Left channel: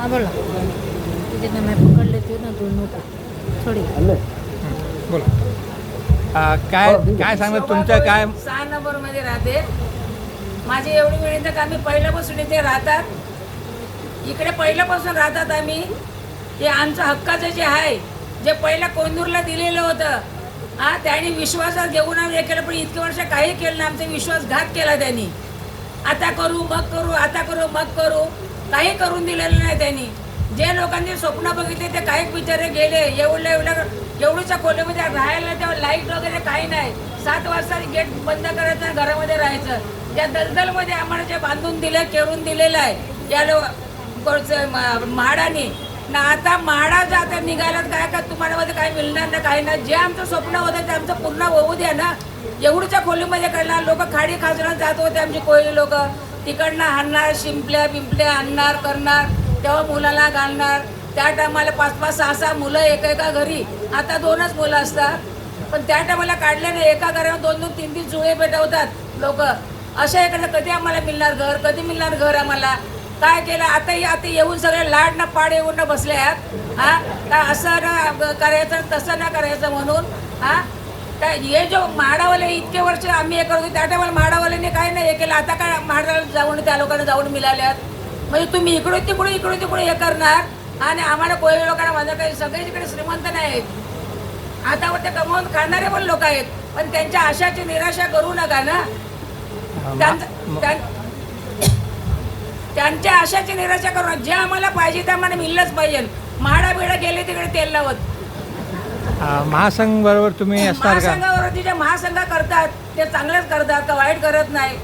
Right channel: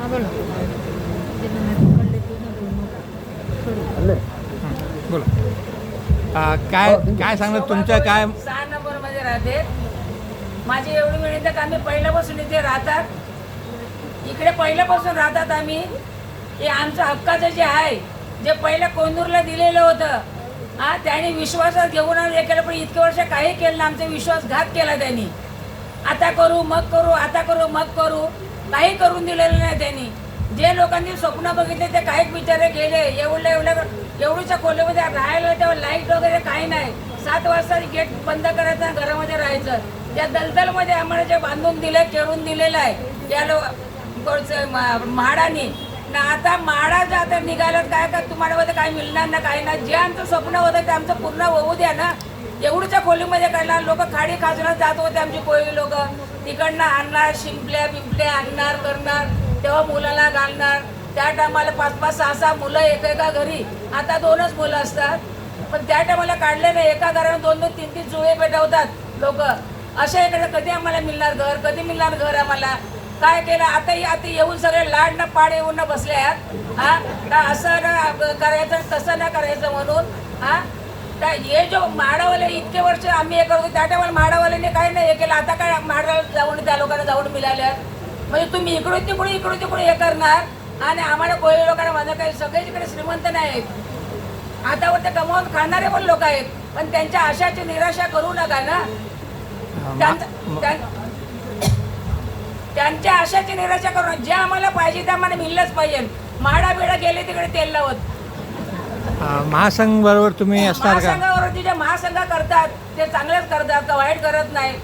हाँ बोलो जितने मैं पकड़ लेती हूँ ना दोनों को थोड़ी बोला काय काय सांगणार तुमच्या काय 6 नंबरमध्ये राहते. माझी एवढी वेळ येतं का आम्ही पहिल्यापासून इथे राहतात, इकडे पहिल्यापासून राहतात आम्ही. हे आमचं हक्काचं जे आहे, जे पहिल्या कोंदूरला दिलेलं होतं, हा त्यांनी विश्वासात घेऊन आम्ही हे केलं, पण इतके वर्ष काही केलं ना, आमचा विश्वासघात केला त्यांनी. आता करू मग करू, आता करू मग करू, काही करून दिलेलं नाही त्यांनी. जे लोकांनी स्वप्न बघितले ते काही बिचारे गेले. एवढीच्या खोलीमध्ये राहायला तेव्हा लाईट वगैरे काही नाही. 7 वाजता गेट बंद करायचं, घरामध्ये राहायचं. या दलदलमध्ये आम्हाला जे बांधून दिलं, केळून दिलेलं आहे या म्हाडाने ना. आता म्हाडा जाता निघायला काय का तुम्हाला काय मिळणार ना, काही ना. जे आमचं स्वप्न होतं ते आमचं पूर्ण होऊ द्या ना. एवढीच्या खोलीमध्ये काढणार लोक, खाडी खाजण्यात जात होते आमची कोळी लोक. तिकडनं आणणार, शिंपल्या पिंपले आणणार करणार, तेव्हा मुलाला घालणार. त्या टायमाला 5-5, 6-6 मुलं एका घरी. आता 2च मुलं असतात, पण त्या टायमाला काढले नाही. एका घरावर 2-2, 3-3 जुळे पेटवतात लोक. अशा इकडे कधी आम्हाला मिळणार घर, कधी मिळणार घर आम्हाला? काय केलं आता येऊन सगळे लाड ना पाड येऊन ना बसले आहेत. हा का असं ना करायचं, तसं ना करायचं म्हणून. हा काय हे जो म्हाडावाले इतके वर्ष आम्ही हे करतो, त्या टायमाला म्हाडावाल्याने काय नाही हे केलं. आता काय म्हाडाला जाऊन त्या लोकांना जाऊन मिळाल्या. म्हणजे तुम्ही इकडे तिकडे हे करणार आणि आम्हाला कोळी लोकांना माझं काही सगळेच इकडे श्रीमंत नाही आहेत. आता ते कमावून खाणारे पण लोक आहेत, पण त्यांच्या आशाची निराशा करू नका ना. त्यांच्या आशाची निराशा करू. जे आम्हाला पाहिजे ते आम्हाला मिळलंच पाहिजे. म्हाडा बिडा गेले तिकडे तेल लावत. महासंघ बरोबर तुम्ही असणार का? महासंघावरती जे महासंघ करतात ते चांगलेच करतात का वाईट करत नाही,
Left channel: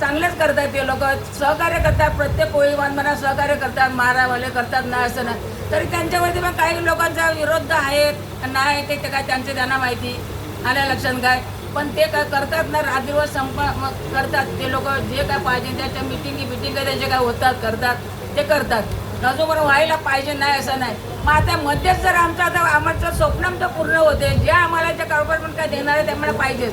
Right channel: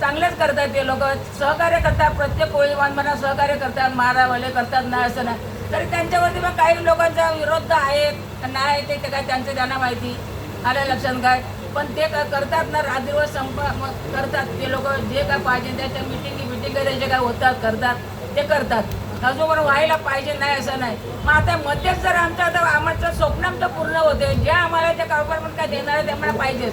चांगलेच करतात. ते लोक सहकार्य करतात, प्रत्येक कोळी बांधवांना सहकार्य करतात. म्हाडावाले करतात नाही असं नाही. तरी त्यांच्यावरती पण काही लोकांचा विरोध आहेत नाही, ते काय त्यांना माहिती आल्या लक्षात काय. पण ते काय करतात ना, रात दिवस करतात ते लोक. जे काय पाहिजे त्याच्या मिटिंग त्यांचे काय होतात करतात ते करतात. अजून व्हायला पाहिजे नाही असं नाही. मग आता मध्येच जर आमचं स्वप्न आमचं पूर्ण होते, जे आम्हाला ते गव्हर्नमेंट काय देणार आहे त्यामुळे पाहिजे.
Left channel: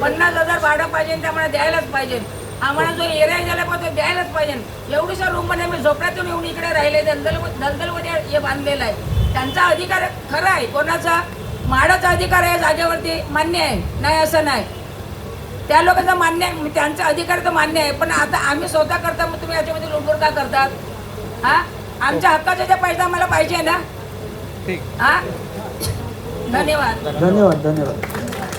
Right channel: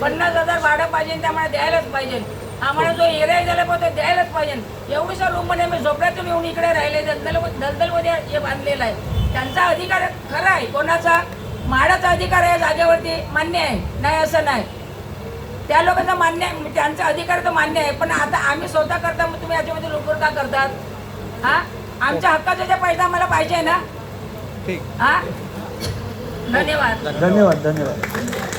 50,000 भाडं पाहिजे त्यामुळे द्यायलाच पाहिजे. आम्हाला जो एरिया द्यायला पाहिजे द्यायलाच पाहिजे. एवढीशा रूममध्ये मी झोपड्यातून येऊन इकडे राहिले, दलदलमध्ये हे बांधलेलं आहे. त्यांचा अधिकार खरा आहे, कोणाचा? म्हाडाचा अधिकार आहे जागेवरती, मान्य आहे नाही असं नाही. त्या लोकांचा मान्य आहे, त्यांचा अधिकार तर मान्य आहे. पण आता आम्ही स्वतः करता, मग तुम्ही याच्यामध्ये लुटून का करतात? हा आमच्या हक्काचा जे पैसा मला पाहिजे ना. ठीक. हा धन्यवाद. धन्यवाद.